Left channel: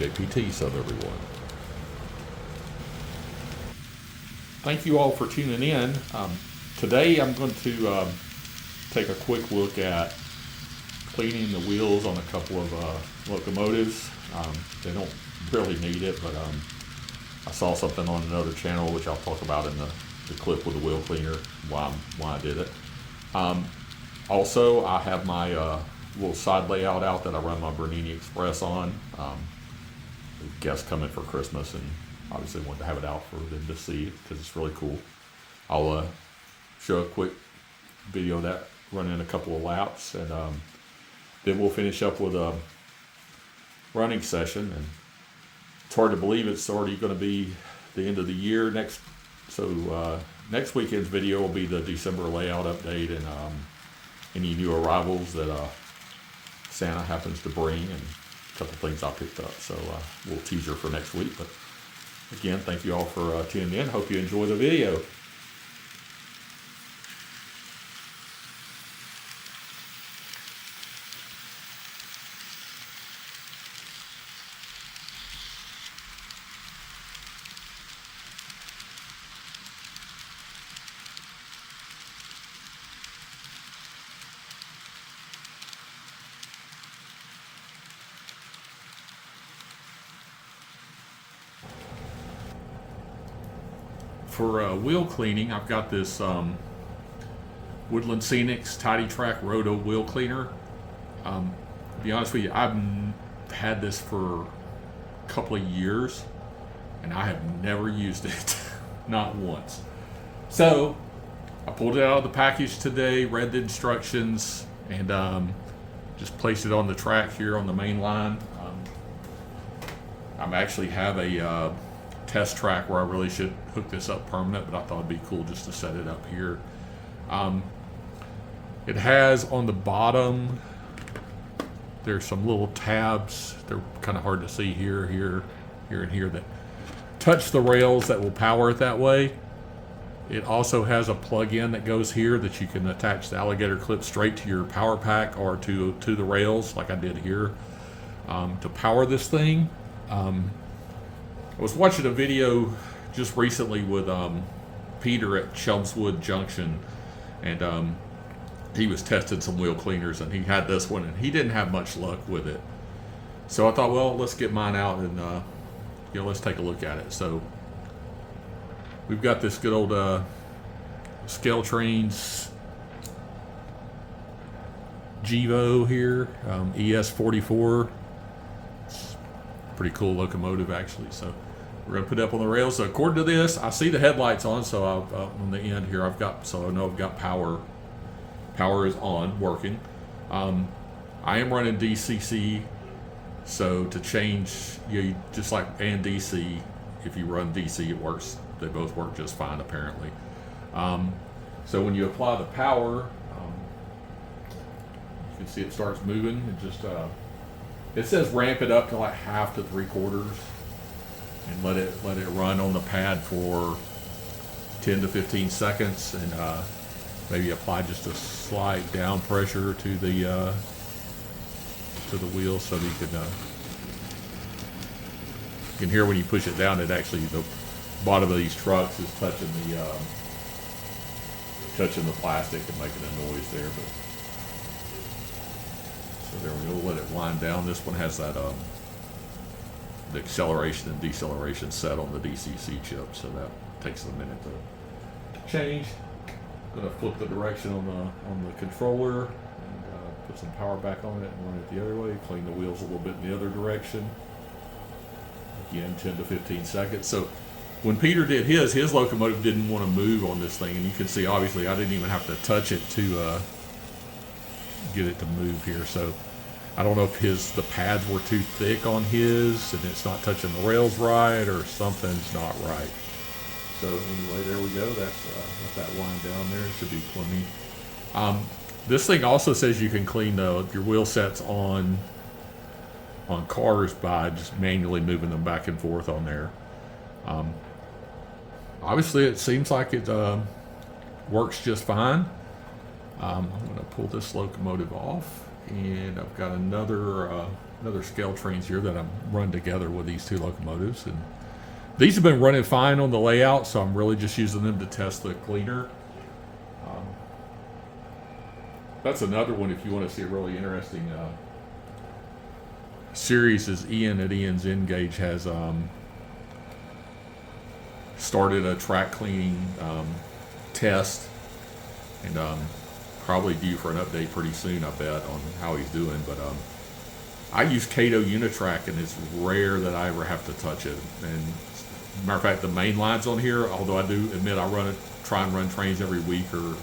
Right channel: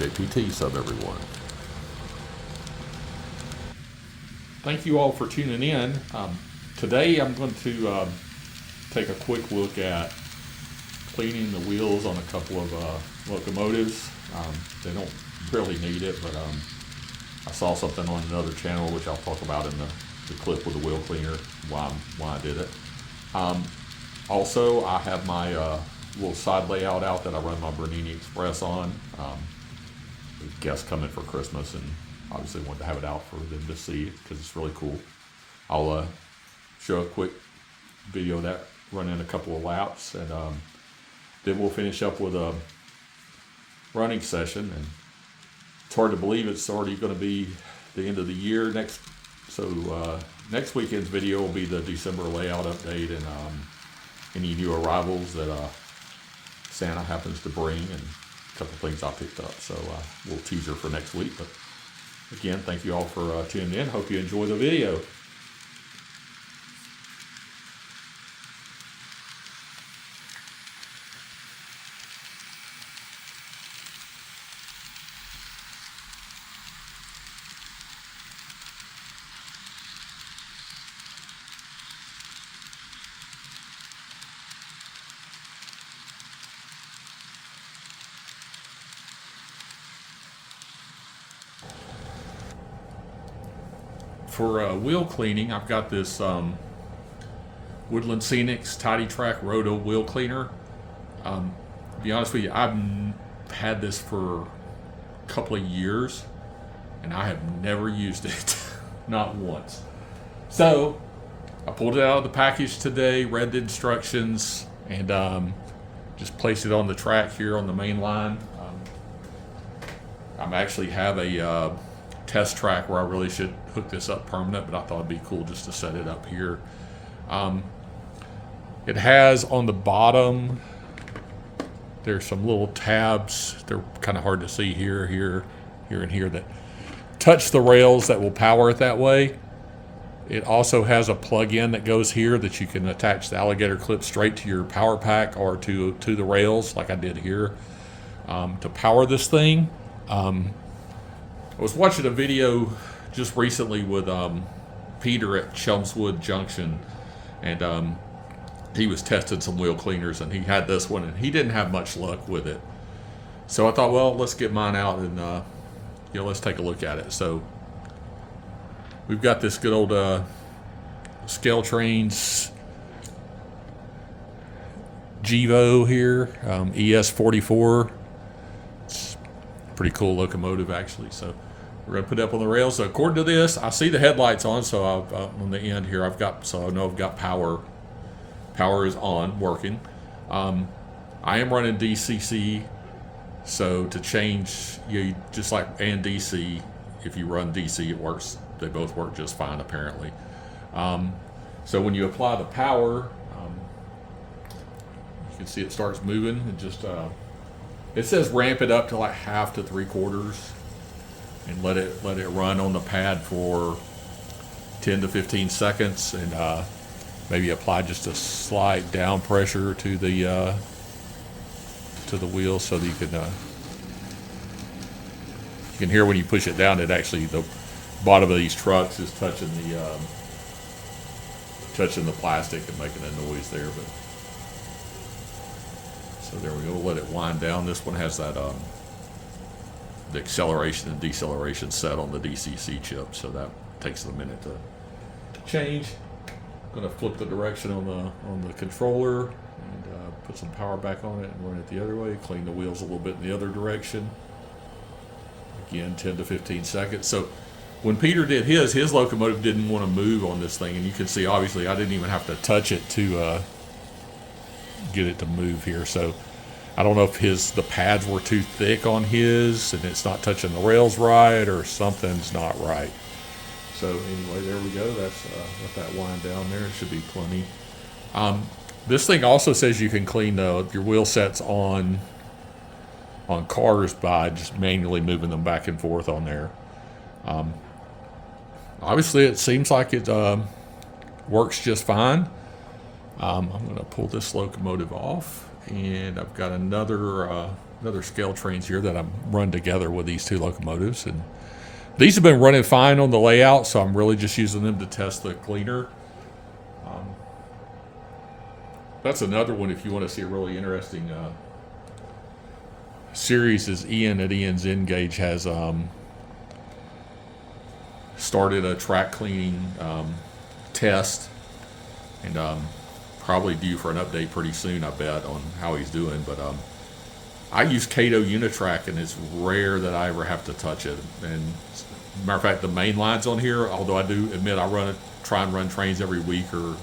JPT sub everyone. Thank you all for tuning in. Today I'm going to take a quick look at cleaning the wheels on a couple of locomotives. They don't really need it, but I saw something on another channel which I'll talk about in the clip with the wheel cleaner, why I did it. Also, I have my little side layout out that I run my Bernini Express on. Guests coming for Christmas, and obviously wanted to have it out for them to see because it's really cool. I'll show a quick video of that, running a couple of laps, and then we'll finish up with a running session. And it's hard to believe it's already going to be the end of the year next. So next weekend's video will be the December layout update and any new arrivals that Santa happens to bring, and a couple things I picked up. So a little teaser for next week. But again, thank you all for tuning in. Hope you enjoy the video. For wheel cleaning, I've got this Woodland Scenics Tidy Track Roto wheel cleaner. To be honest with you, I've had this for a couple of years and I have never used it, not once. So I pulled it out of the package today, read the instructions, and just placed it on the track here on the main line. I actually have a test track where I really should hook this up permanent, but I thought it'd be cool just to set it up here. It has on the bottom, there's some little tabs. They're kind of hard to see here, and here that touch the rails that will power it that way. It also has a plug-in that goes here that you can attach the alligator clip straight to your power pack or to the rails like I did here. To power this thing, I was watching a video just recently with Peter at Chelmswood Junction, and he was testing some wheel cleaners, and he had this one, and he didn't have much luck with it. So I thought, well, let's get mine out and let's take a look at it. So we've got this good old Scale Trains Gevo here, ES44. It's a pretty cool locomotive actually. So we're going to put it up on the rails. So according to this, I see the headlights on, so on the end here, I know I've got power. Power is on, working. I am running DCC, so to change, just like and DC, if you run DC, it works. They both work just fine, apparently. So when you apply the power, you can see it starts moving. It just it says ramp it up to like 1/2 to 3/4. And let it run on the pad for 10 to 15 seconds, and maybe apply just a slight down pressure to the wheel so that you can hear when you push it down. It actually, the bottom of these trucks is touching the plastic and making a noise there. But so there we go. Let it wind down. This one has that the acceleration and deceleration set on the DCC chip, so that takes a minute to change. I'm going to flip the direction on the controller and put some power back on it and run it the other way. Clean the wheels a little bit in the other direction. Again, 10 to 15 seconds. So when Peter did his locomotive didn't want to move on this thing, and you can see obviously I didn't even have to touch it to get it to move here. So I don't know if the pads were too thick on his and it's not touching the rails right, or something's not right. So anyway, there we go. That's let that wind down there. It should be plenty. This thing also says you can clean your wheel sets on cars by just manually moving them back and forth on there. Obviously, it seems like it works just fine. I'm going to pull this locomotive off, and I've got another another scale trains here that I'm run together with these two locomotives, and these have been running fine on the layout, so I'm really just using them to test the cleaner. That's another one if you want to see a really interesting series. Is Ian at Ian's Engage has started a track cleaning test, and probably due for an update pretty soon, I bet, on how he's doing. But I use Cato Unitrack, and it's rare that I ever have to touch it. And matter of fact, the main lines on here, although I do admit I try and run trains every week, or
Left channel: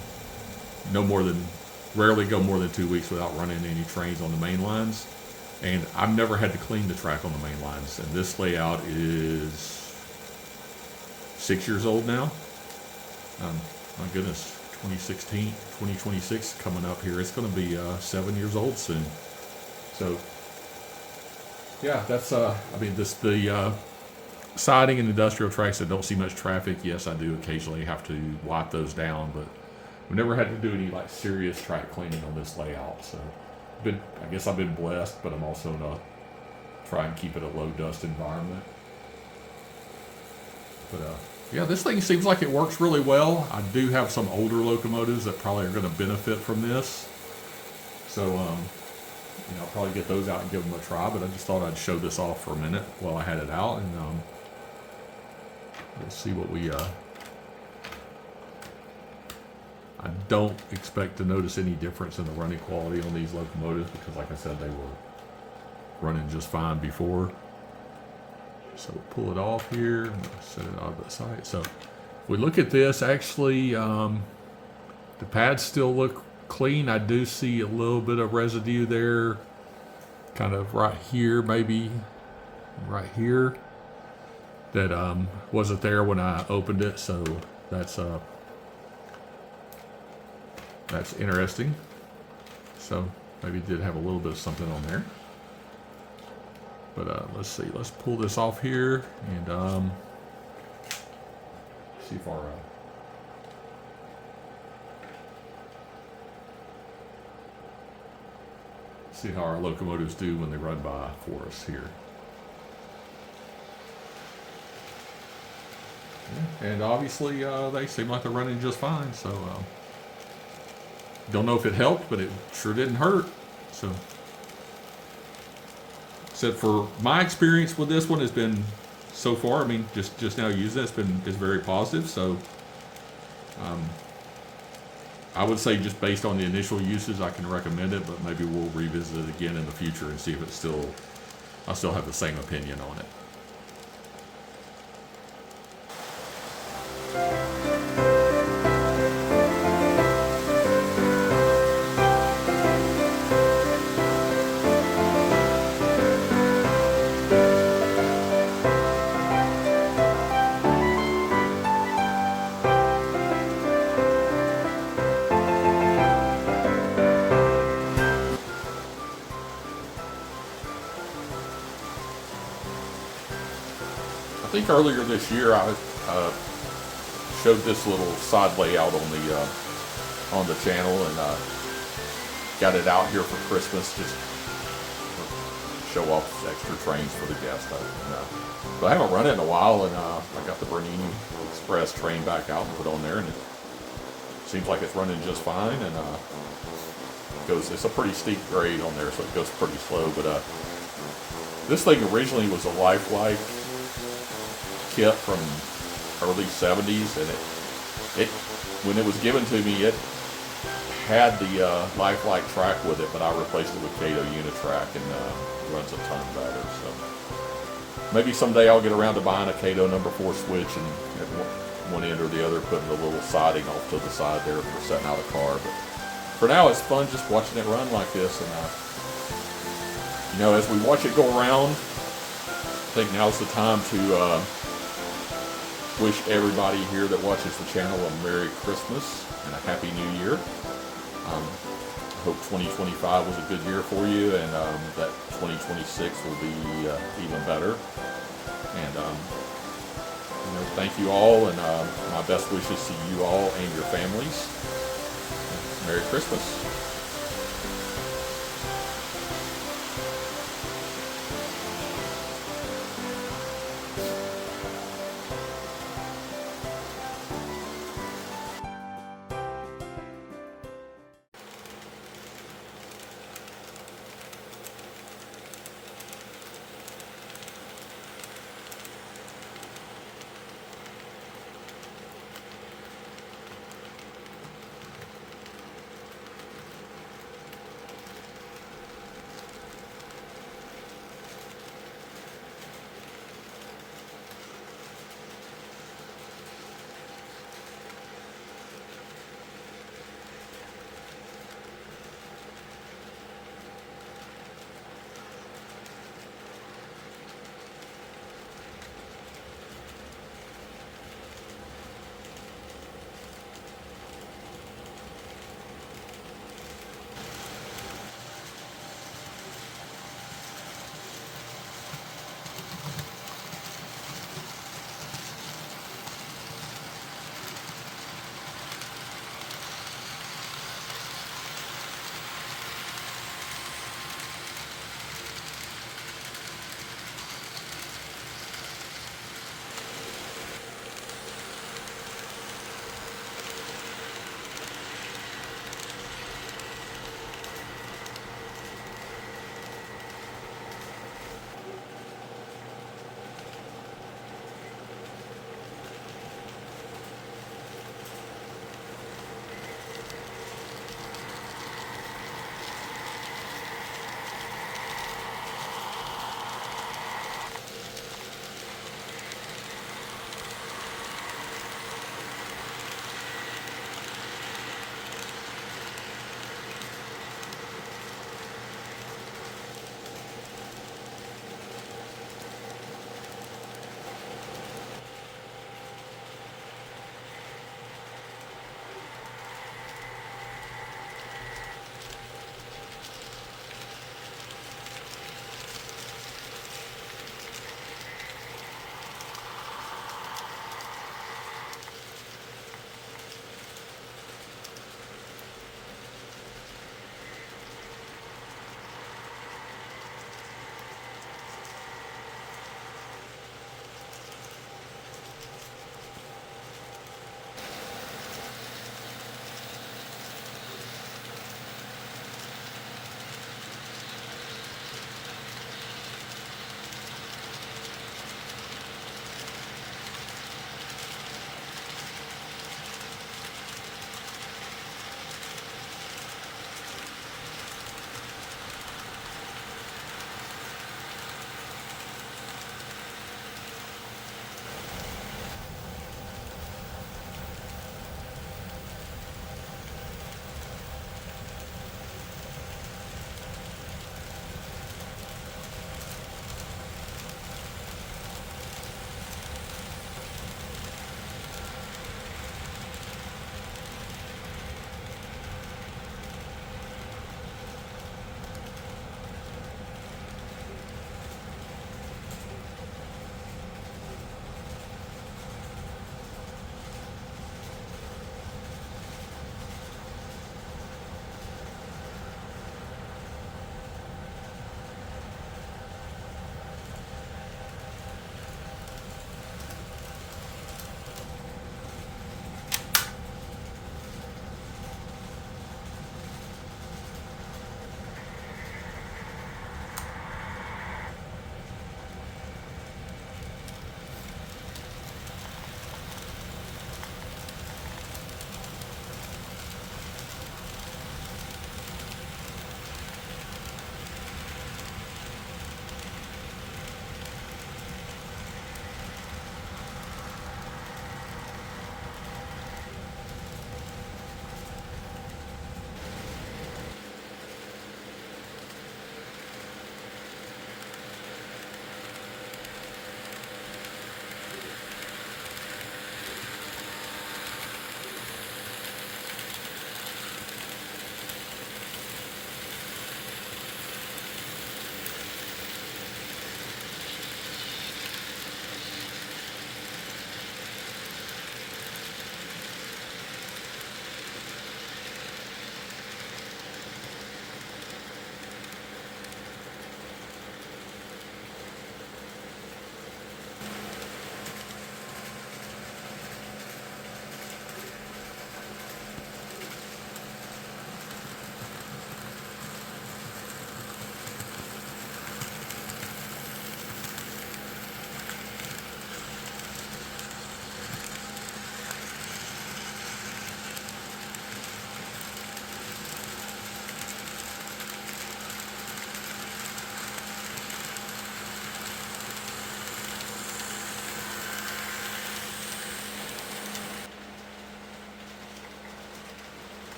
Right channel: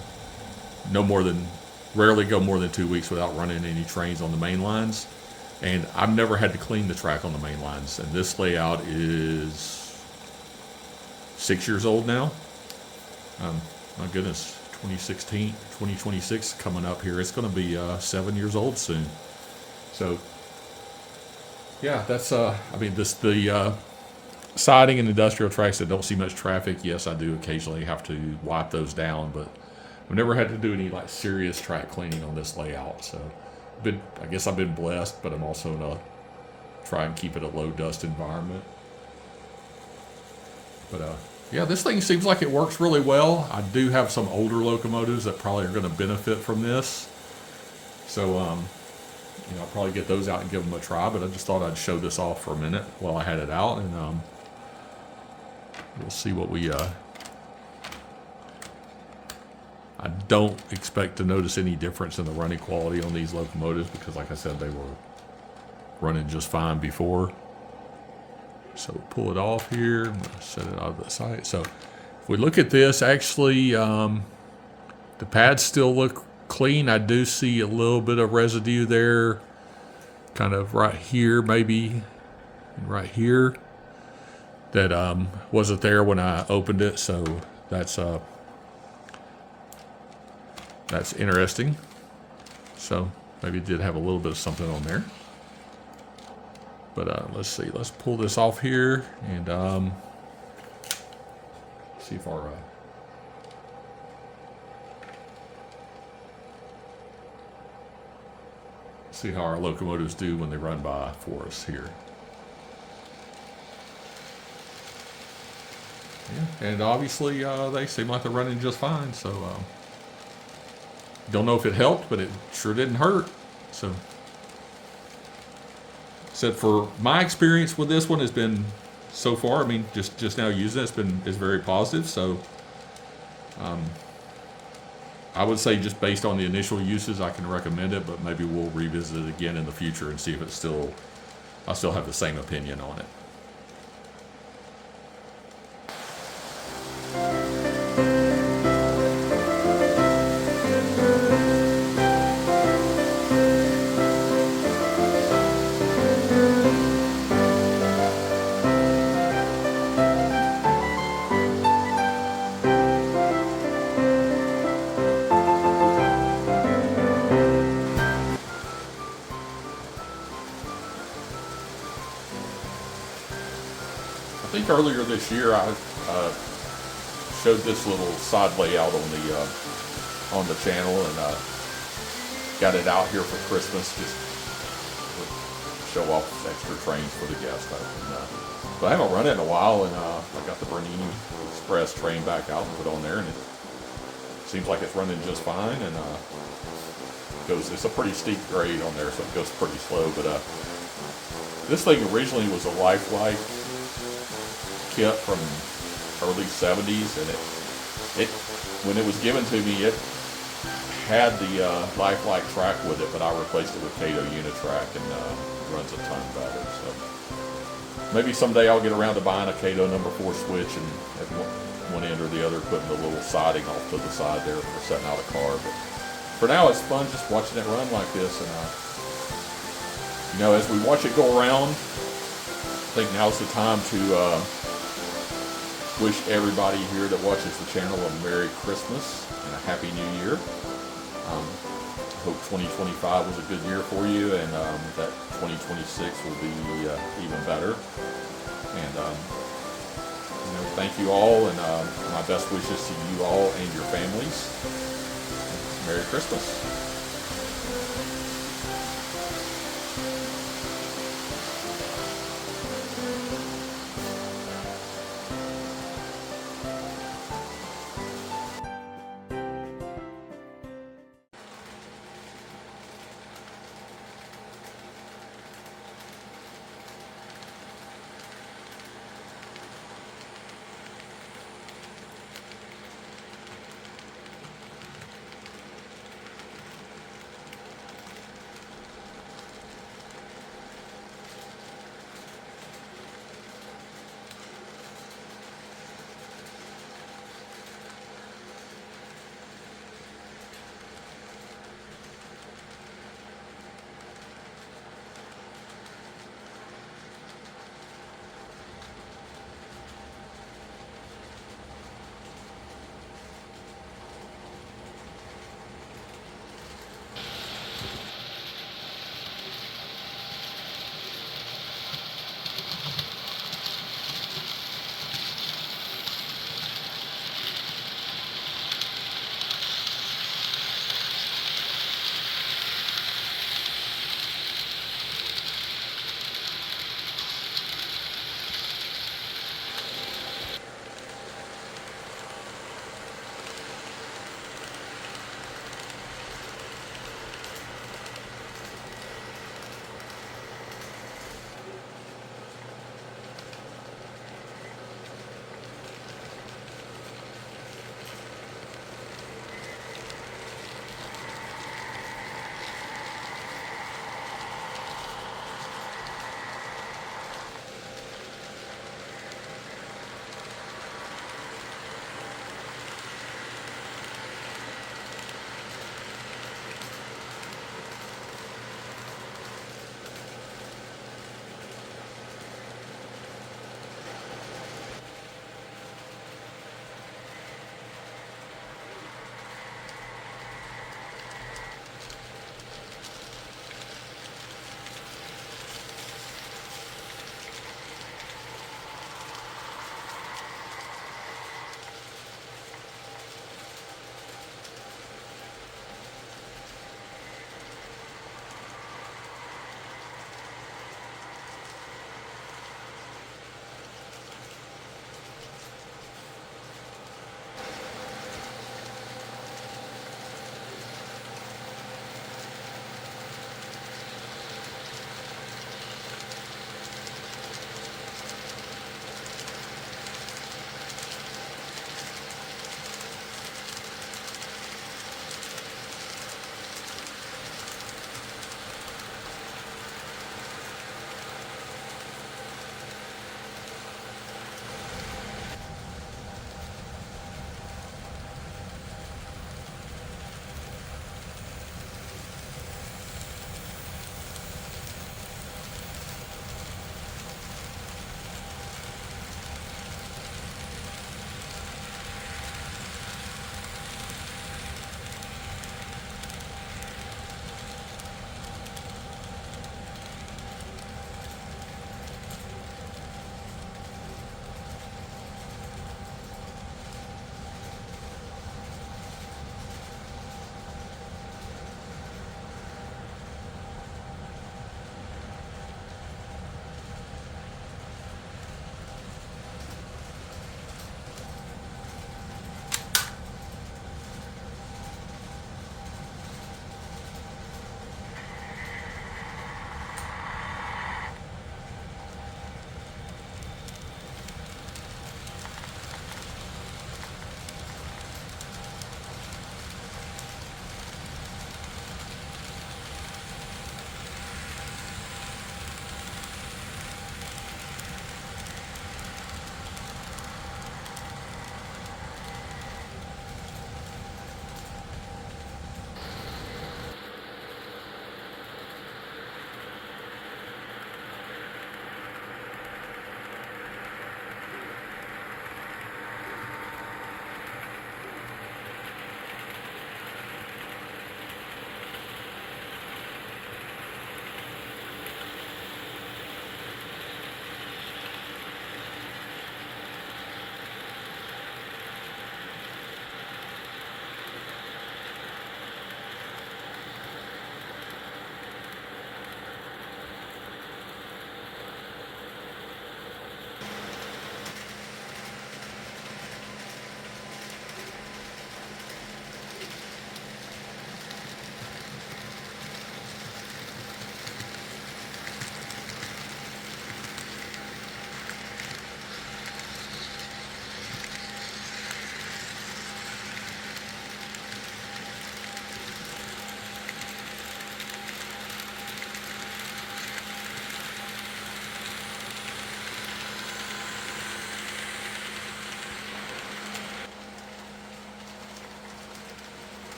rarely go more than 2 weeks without running any trains on the main lines. And I've never had to clean the track on the main lines. And this layout is 6 years old now. My goodness, 2016, 2026 coming up here. It's going to be 7 years old soon. So, yeah, that's, the siding and industrial tracks that don't see much traffic, yes, I do occasionally have to wipe those down, but we've never had to do any like serious track cleaning on this layout. So, I guess I've been blessed, but I'm also gonna try and keep it a low dust environment. But yeah, this thing seems like it works really well. I do have some older locomotives that probably are going to benefit from this. So, I'll probably get those out and give them a try. But I just thought I'd show this off for a minute while I had it out, and we'll see what we. I don't expect to notice any difference in the running quality on these locomotives because, like I said, they were running just fine before. So pull it off here and set it out of the site. So if we look at this, actually, the pads still look clean. I do see a little bit of residue there, kind of right here, maybe right here, that wasn't there when I opened it. So that's interesting. So maybe it did have a little bit of something on there. But let's see. Let's pull this off here and see if our see how our locomotives do when they run by for us here. Yeah, and obviously they seem like they're running just fine. So don't know if it helped, but it sure didn't hurt. So. Said for my experience with this one has been so far. I mean, just now using it, it's very positive. So, I would say just based on the initial uses, I can recommend it. But maybe we'll revisit it again in the future and see if I still have the same opinion on it. I think earlier this year I showed this little side layout on the channel, and got it out here for Christmas, just to show off extra trains for the guests. But I haven't run it in a while, and I got the Bernini Express train back out and put on there, and it seems like it's running just fine. And it's a pretty steep grade on there, so it goes pretty slow. But this thing originally was a Lifelike kit from early 70s, and it when it was given to me, it had the Lifelike track with it, but I replaced it with Cato Unitrack, and runs a ton better. So maybe someday I'll get around to buying a Cato number 4 switch, and at one end or the other putting the little siding off to the side there for setting out a car. But for now, it's fun just watching it run like this. And as we watch it go around, I think now's the time to wish everybody here that watches the channel a Merry Christmas and a Happy New Year. I hope 2025 was a good year for you, and that 2026 will be even better. And thank you all, and my best wishes to you all and your families. Merry Christmas.